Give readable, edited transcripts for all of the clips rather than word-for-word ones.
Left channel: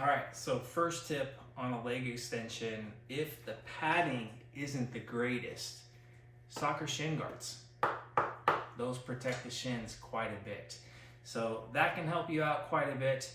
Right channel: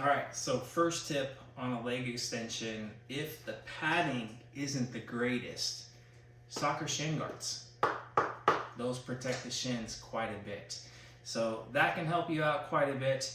All right, so first tip on a leg extension, if the padding isn't the greatest, soccer shin guards. Those protect the shins quite a bit. So that can help you out quite a bit.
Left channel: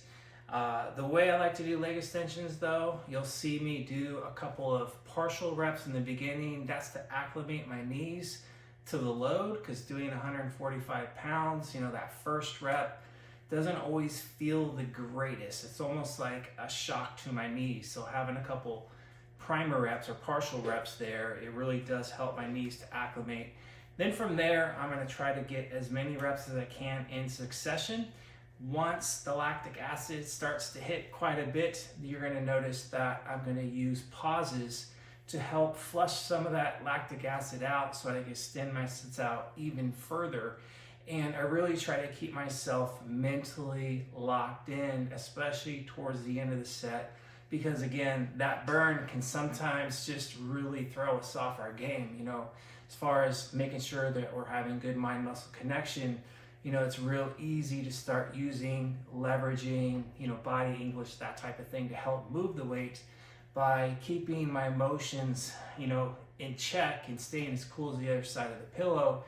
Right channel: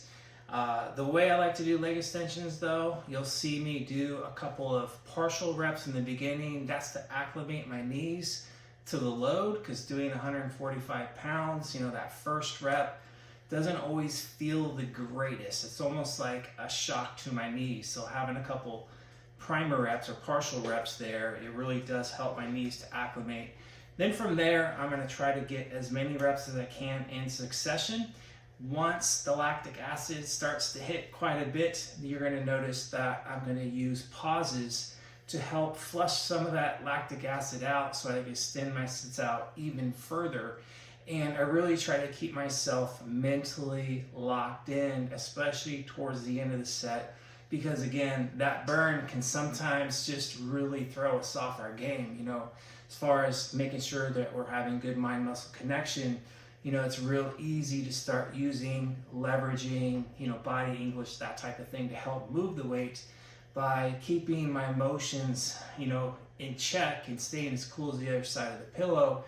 The way I like to do leg extensions though, you'll see me do a couple of partial reps in the beginning. That's to acclimate my knees to the load, because doing 145 pounds, that first rep doesn't always feel the greatest. It's almost like a shock to my knees. So having a couple primer reps or partial reps there, it really does help my knees to acclimate. Then from there, I'm gonna try to get as many reps as I can in succession. Once the lactic acid starts to hit quite a bit, you're gonna notice that I'm gonna use pauses to help flush some of that lactic acid out so I can extend my sets out even further. And I really try to keep myself mentally locked in, especially towards the end of the set, because again, that burn can sometimes just really throw us off our game, as far as making sure that we're having good mind-muscle connection. It's real easy to start using, leveraging, body English, that type of thing to help move the weight by keeping my emotions, in check and staying as cool as the other side of the pillow.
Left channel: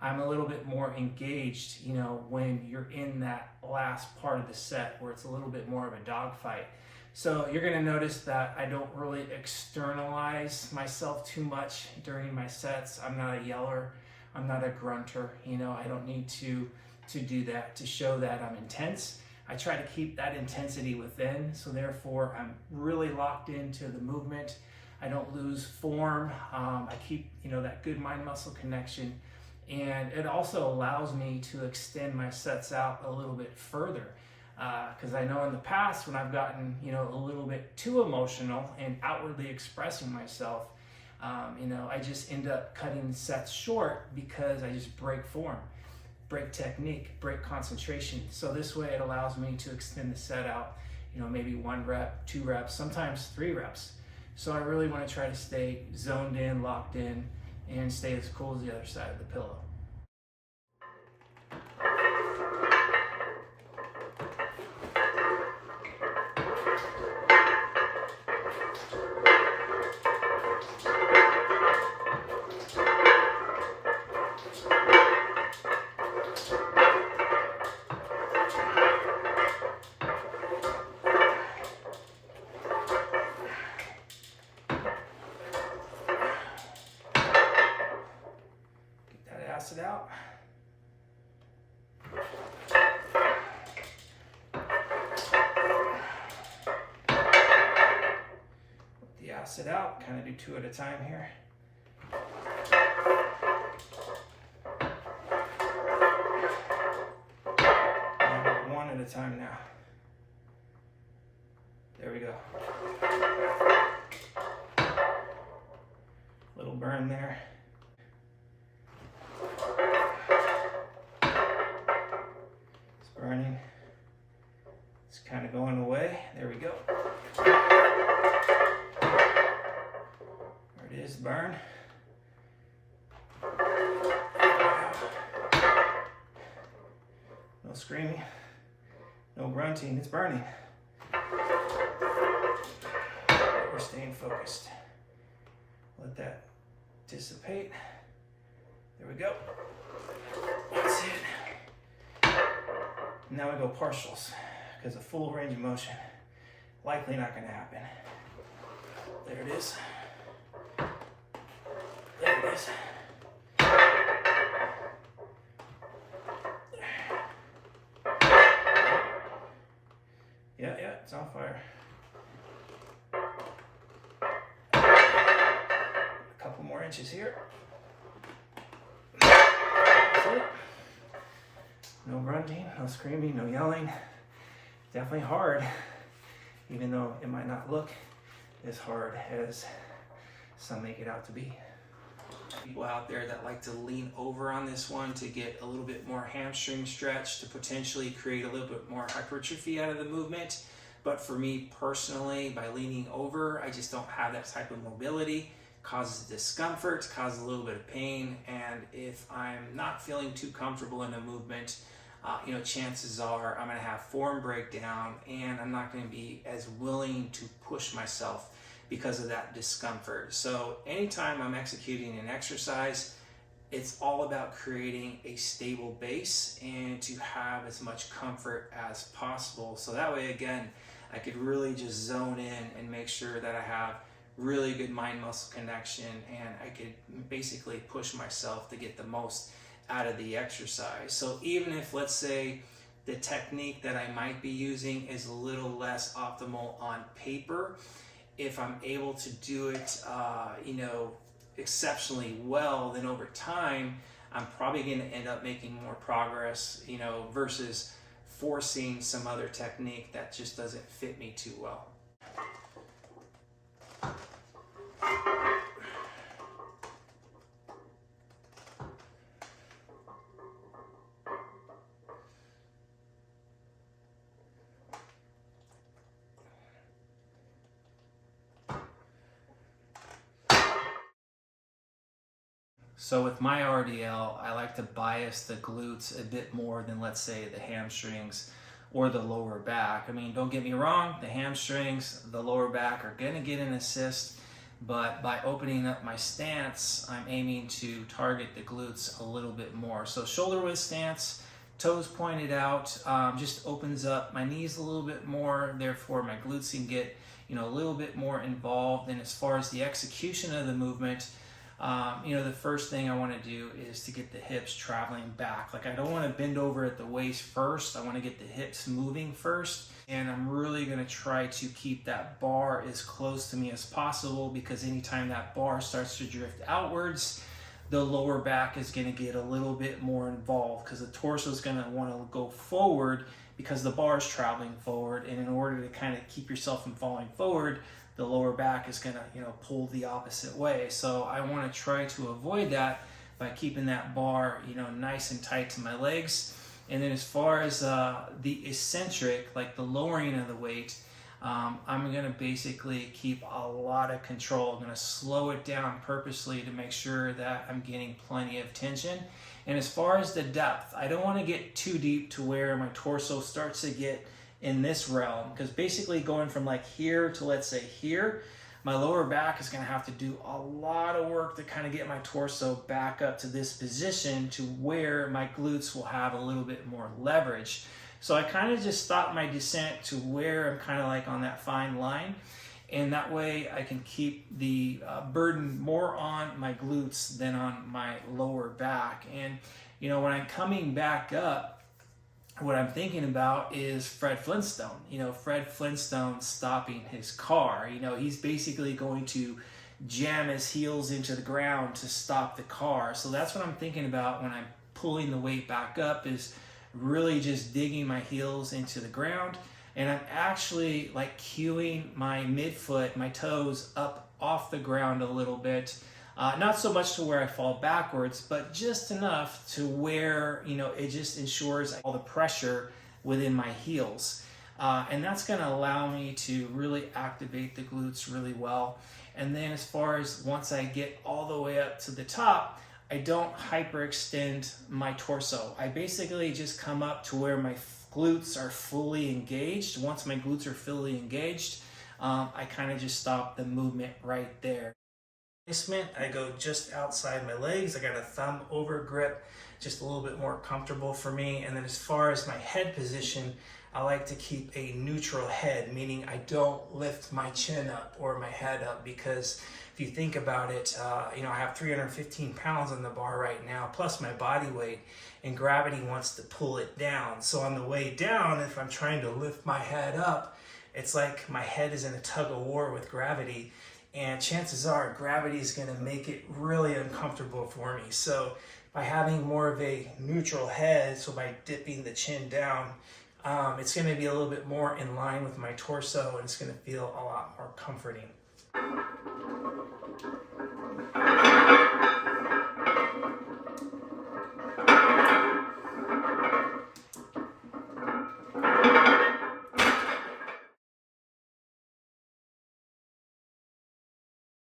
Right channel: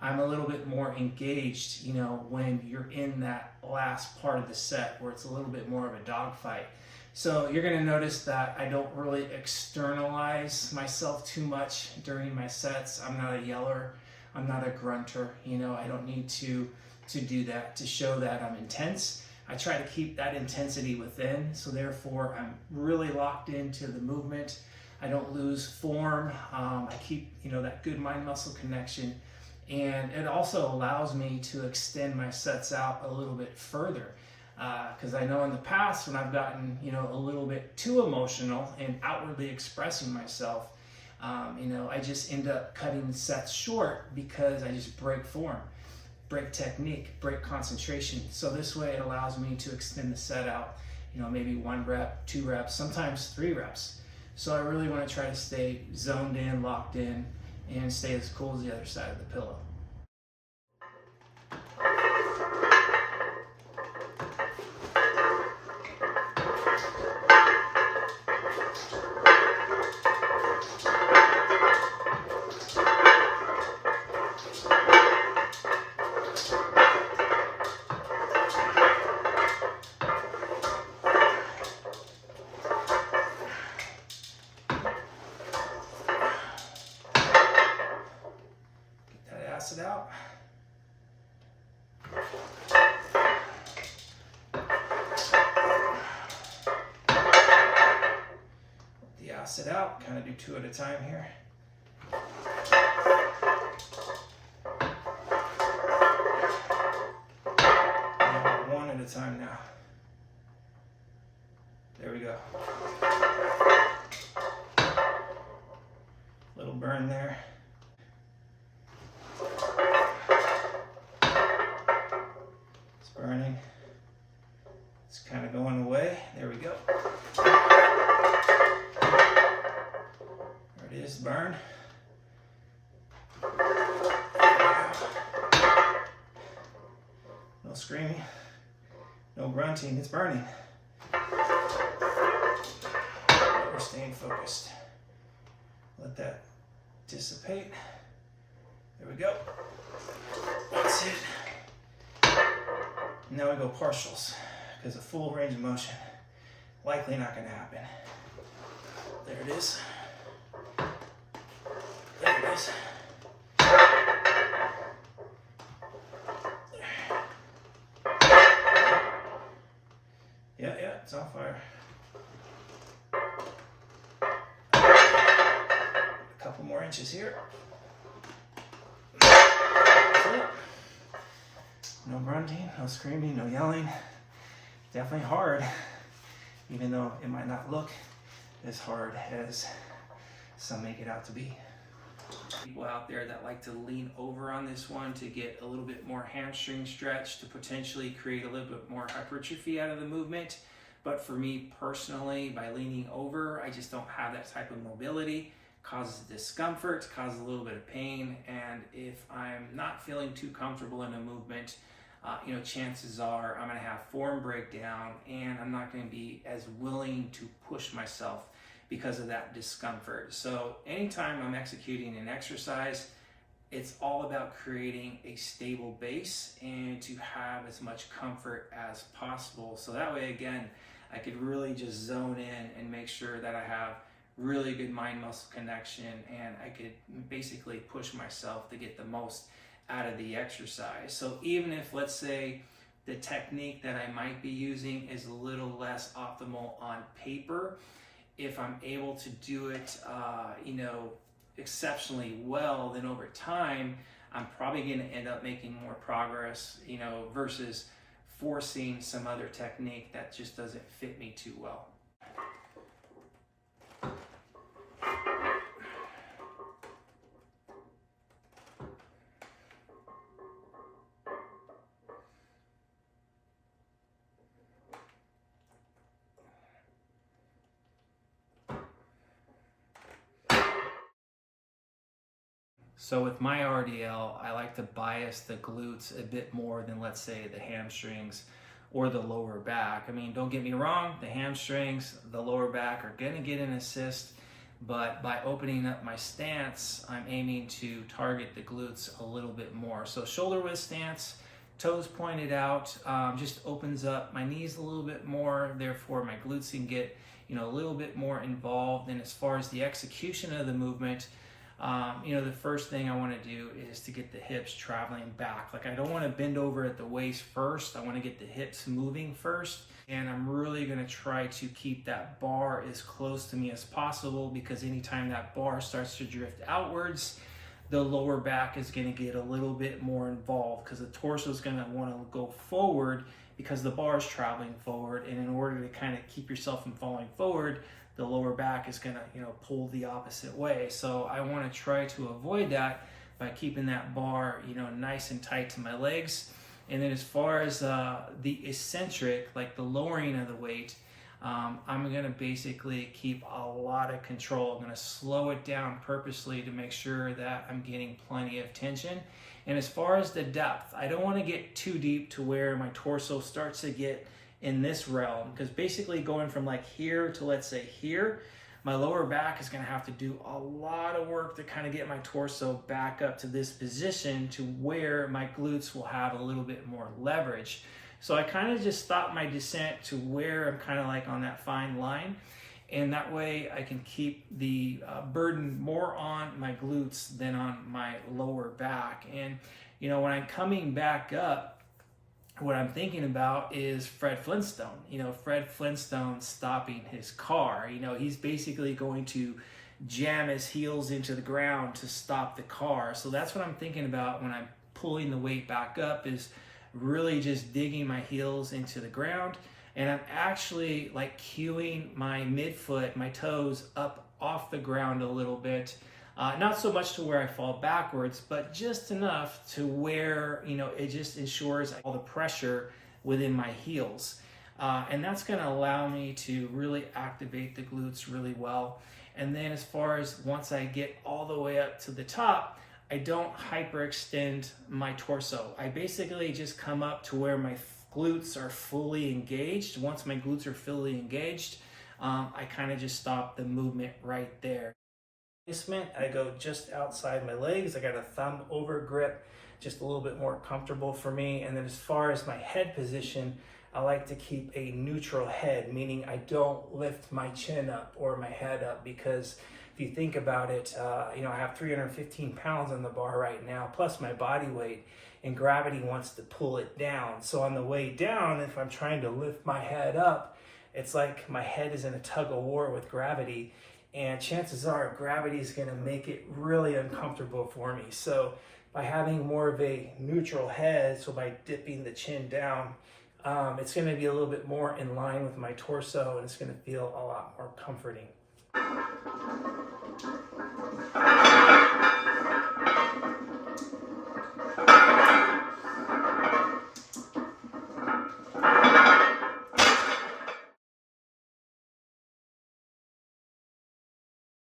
I'm a little bit more engaged, when you're in that last part of the set where it's a little bit more of a dogfight. So you're gonna notice that I don't really externalize myself too much during my sets. I'm not a yeller, I'm not a grunter, I don't need to do that to show that I'm intense. I try to keep that intensity within, so therefore I'm really locked into the movement. I don't lose form. I keep, that good mind-muscle connection. And it also allows me to extend my sets out a little bit further. Because I know in the past when I've gotten, a little bit too emotional and outwardly expressing myself, I just end up cutting sets short because I just break form, break technique, break concentration. So this way it allows me to extend the set out, maybe 1 rep, 2 reps, sometimes 3 reps. So I really want to try to stay zoned in, locked in, and stay as cool as the other side of the pillow. It out. Let the acid out, kind of do 2 at a time here. And 1 at a time now. There we go. Little burn there. Burning. It's kind of going away. There we go. There it is, burn. No screaming, no grunting, it's burning. We're staying focused. Let that dissipate. There we go. That's it. Now we go partials, because a full range of motion, likely not going to happen. There it is. There it is. Yeah, it's on fire. A couple more inches here. That's it. No grunting, no screaming, no yelling. Definitely hard, even though it might not look as hard as some make it out to be. People out there that like to lean over on this one to get a little bit more hamstring stretch to potentially create a little bit more hypertrophy out of the movement. But for me personally, by leaning over, I just don't have that type of mobility. Causes discomfort, causes a little bit of pain, and if I'm not feeling too comfortable in a movement, chances are I'm going to have form breakdown, and I'm not going to be as willing to push myself because of that discomfort. So anytime I'm executing an exercise, it's all about creating a stable base and to have as much comfort as possible. So that way, again, I could really just zone in and make sure that I have really good mind muscle connection, and I could basically push myself to get the most out of the exercise. So even if, let's say, the technique that I might be using is a little less optimal on paper, if I'm able to do it, exceptionally well, then over time, I'm probably going to end up making more progress, versus forcing some other technique that just doesn't fit me too well. So with my RDL, I like to bias the glutes a bit more than, let's say, the hamstrings or the lower back. I mean, don't get me wrong, the hamstrings, the lower back are going to get an assist, but by opening up my stance, I'm aiming to target the glutes a little bit more. So shoulder width stance, toes pointed out, just opens up my knees a little bit more, therefore my glutes can get a little bit more involved. And as far as the execution of the movement, the first thing I want to do is to get the hips traveling back. Like, I don't want to bend over at the waist first. I want to get the hips moving first. And I'm really going to try to keep that bar as close to me as possible, because anytime that bar starts to drift outwards, the lower back is going to get a little bit more involved, because the torso is going to want to go forward because the bar is traveling forward. And in order to kind of keep yourself from falling forward, the lower back is going to pull the opposite way. So I want to try to avoid that by keeping that bar nice and tight to my legs. And then as far as the eccentric, like the lowering of the weight, I'm going to basically keep a lot of control. I'm going to slow it down purposely to make sure that I'm getting plenty of tension. And as far as the depth, I don't want to get too deep to where my torso starts to get in this realm, because basically going from like here to, let's say, here, my lower back is going to have to do a lot of work to kind of get my torso back up to this position to where my glutes will have a little bit more leverage. So I kind of just stop my descent to where I'm kind of like on that fine line, and that way I can keep the burden more on my glutes than on my lower back. And when I'm coming back up, what I'm thinking about is Fred Flintstone. Fred Flintstone stopping his car. He's basically going to jam his heels into the ground to stop the car. So that's what I'm thinking about when I'm pulling the weight back up, is really just digging my heels into the ground. And I'm actually like cueing my midfoot, my toes up off the ground a little bit. Not so much to where I fall backwards, but just enough to where, it just ensures all the pressure within my heels. And that's going to allow me to really activate the glutes really well. And then as far as once I get all the way up to the top, I don't hyperextend my torso. I basically just come up to where my glutes are fully engaged. Once my glutes are fully engaged, I kind of just stop the movement right there. I go just outside my legs. I got a thumb over grip, just a little bit more comfortable for me. And then as far as my head position, I like to keep a neutral head, meaning I don't lift my chin up or my head up, because if you think about it, I have 315 pounds on the bar right now, plus my body weight, and gravity wants to pull it down. So on the way down, if I'm trying to lift my head up, it's like my head is in a tug of war with gravity. And chances are gravity is going to make it really uncomfortable for me. So by having more of a neutral head, so by dipping the chin down, it's going to be a little bit more in line with my torso, and it's going to feel a lot more comforting.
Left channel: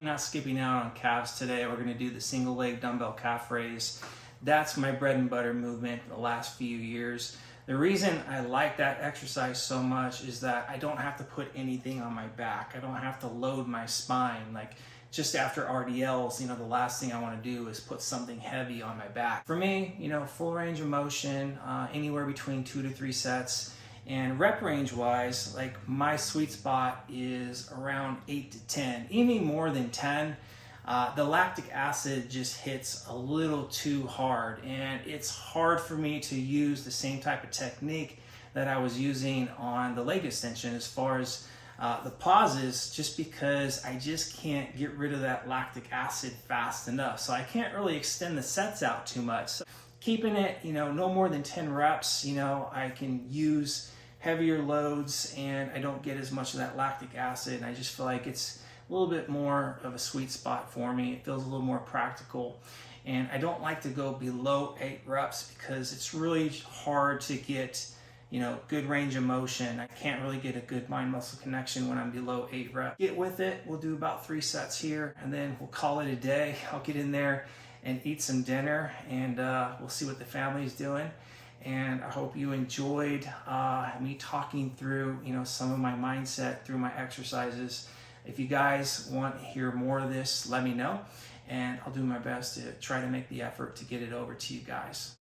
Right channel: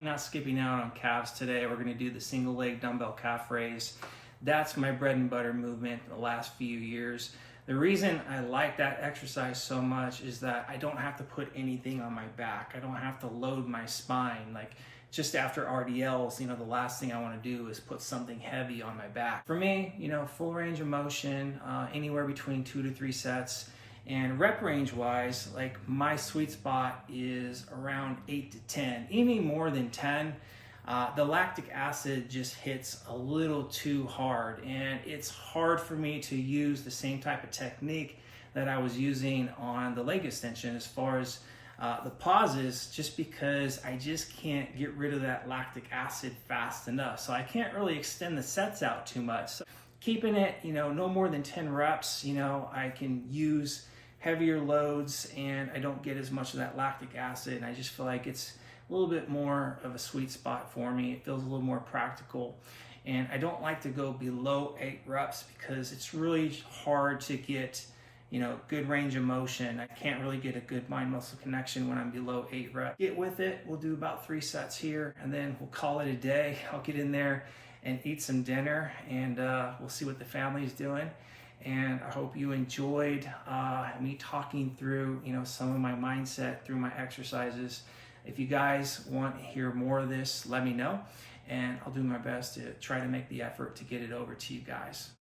Not skipping out on calves today. We're going to do the single leg dumbbell calf raise. That's my bread and butter movement the last few years. The reason I like that exercise so much is that I don't have to put anything on my back. I don't have to load my spine. Like just after RDLs, the last thing I want to do is put something heavy on my back. For me, full range of motion, anywhere between 2 to 3 sets. And rep range wise, like my sweet spot is around 8 to 10, any more than 10. The lactic acid just hits a little too hard, and it's hard for me to use the same type of technique that I was using on the leg extension as far as the pauses, just because I just can't get rid of that lactic acid fast enough. So I can't really extend the sets out too much. So keeping it, no more than 10 reps, I can use heavier loads and I don't get as much of that lactic acid. And I just feel like it's a little bit more of a sweet spot for me. It feels a little more practical. And I don't like to go below 8 reps because it's really hard to get, good range of motion. I can't really get a good mind-muscle connection when I'm below 8 reps. Get with it. We'll do about 3 sets here and then we'll call it a day. I'll get in there and eat some dinner and we'll see what the family's doing. And I hope you enjoyed me talking through, some of my mindset through my exercises. If you guys want to hear more of this, let me know, and I'll do my best to try to make the effort to get it over to you guys.